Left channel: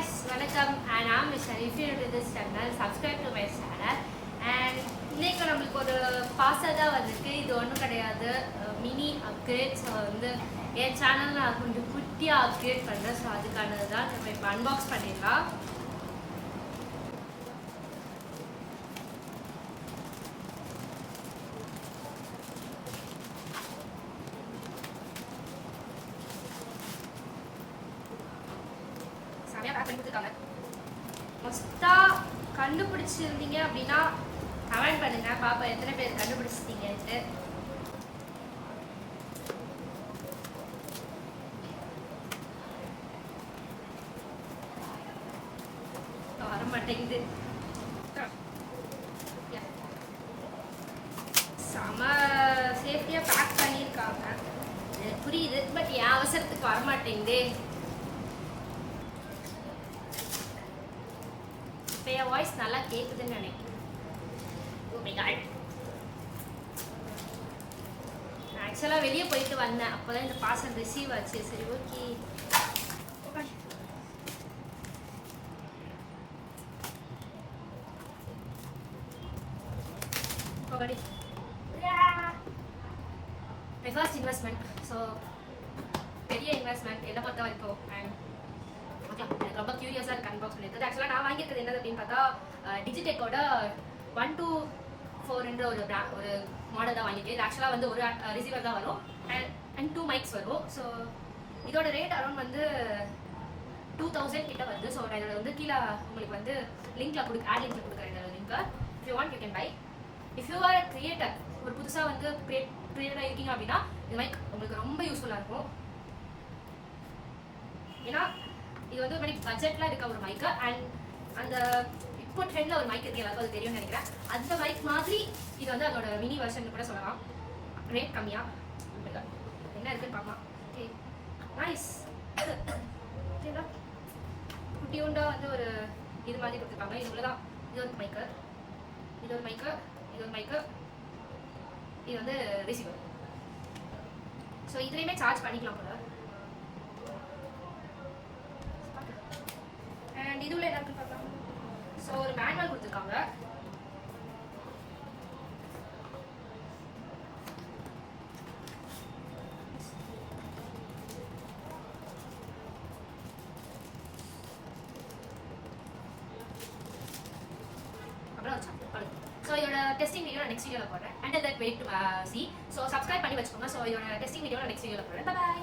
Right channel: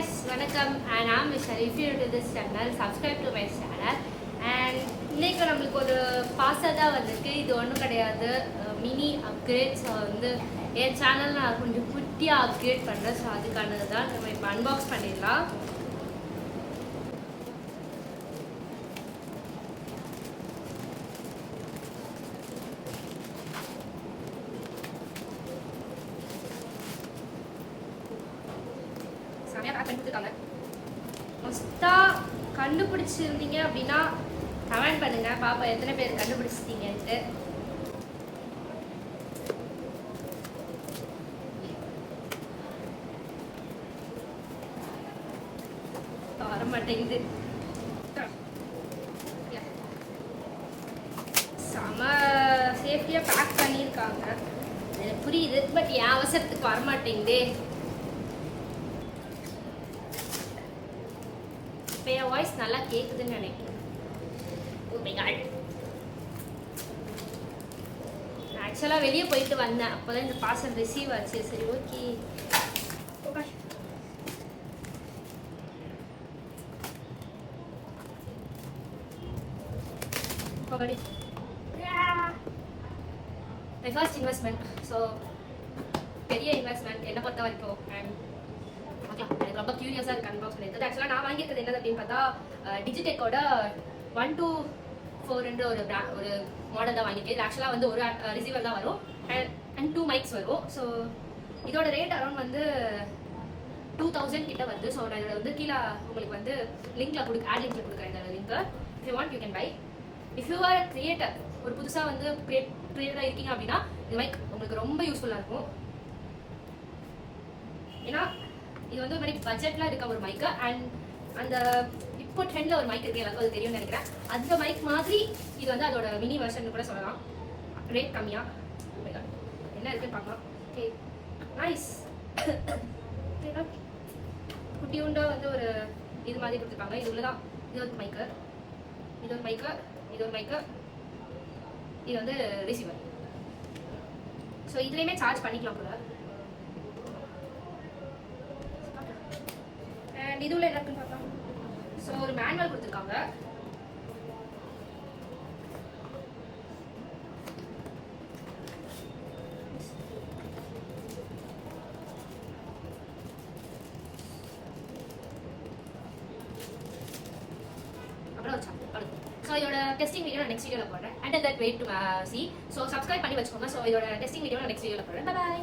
guys, வணக்கம். And I'm Michelle. If you're new to this channel, subscribe to my channel. And இன்னைக்கு நம்மளுக்கு ஒரு parcel தான் வந்திருக்கு. இது ஒன்றும் கிடையாது, மினி அப்கிரேட்ஸ் வந்து என் சேனல் நான் கொஞ்சம் குட்டியாக அப்கிரேட் பண்ணுறேன். ஸோ அதுக்கானது தான் நம்ம இப்போ அன்பாக்ஸ் பண்ணிடலாம். மொஸ்டா கண்டுபிடிச்சிருந்தீங்க அப்படின்னா கமெண்ட் பண்ணுங்க, பாப்பா எத்தனை பேர் கண்டுபிடிச்சிட்டீங்கன்ட்டு. வர மாட்டேங்குது. செம சேஃப்டியா பேக் பண்ணியிருக்காங்க, எனக்கு புரியுது. பட் என் அவசரத்துக்கு வரமாட்டேங்குதே. என் வாய்ஸ் நல்லா கேக்குதுன்னு நினைக்கிறேன். ஆக்சுவலாக வெளியே போயிட்டு வந்தேன், அப்போதான் இந்த பார்சல் ரிசீவ் ஆச்சு. சரி, okay. My first investment. So பெரிய இன்வெஸ்ட்மெண்ட் என்னை பொறுத்த வரைக்கும். அண்ட் எனக்கு ரொம்ப கியூரியஸாக இருக்கு அன்பாக்ஸ் பண்ணியிருக்குது. ஆக்சுவலாக நான் வாங்கியிருக்கிறது என்னது அப்படின்னு பார்த்தா டிஜிடெக்கோட 124 ஒரு மாடல் தான் வாங்கியிருக்கேன். இது ஆக்சுவலாக வந்து ஒரு ரிசீவர் தான் வரும் அண்ட் 2 மைக்ஸ் வரும். ஸோ இதோட ரேட் அரௌண்ட் வந்து 2000 கிட்ட வருது. ஸோ நான் இதில் வந்து கீழே உங்களுக்கு வந்து லிங்க்ல ஆட் லிங்க்ல கொடுக்குறேன் இந்த link. If you want you can buy. If you are creator, ஒரு புதுசாக வந்து கிரியேட்டராக இருக்கீங்க அப்படின்னா இந்த மைக் உங்களுக்கு ரொம்ப யூஸ்ஃபுல்லாக இருக்கும். ஏன்னா இது வந்து ஒரு பட்ஜெட்ல இருக்க ஒரு மைக்கு. அண்ட் அந்த இப்போ ட்ரெண்ட்ல ஒரு மைக் இருக்கு, எல்லாருக்கும் அது தெரியும்னு நினைக்கிறேன். அந்த மைக் மாதிரி இது வந்து அதோட மினி வெர்ஷன் கூட சொல்லலாம். ரேட் கம்மியா என்ன இருக்குன்னு பார்க்கலாம். Okay, nice. குட்டியுண்டா வந்து ஒரு இது மாதிரி கொடுத்துருக்காங்க. இது உள்ளதான் இது ஒரு மைக்கு, இது ஒரு மைக்கு, இது ஒரு மைக்கு, இது வந்து ரிசீவர். ஸோ இதுலையுமே சார்ஜ் பண்ணிக்கலாம் கூட. இதுல என்ன இருக்குன்னு பார்க்கலாம். ஸோ ஒரு மேனுவல் கொடுத்துருக்காங்க. அப்புறம் ஒரு சார்ட். ஸோ இதோட டெஸ்டிங் வீடியோ நான் நெக்ஸ்ட் வீடியோவில் போடுறேன். And that wait to see. So subscribe பண்ணி வச்சுக்கோங்க. ஸோ இதோட டெஸ்டிங் வீடியோ நான் நெக்ஸ்ட் வீடியோவில் போடுறேன். பை.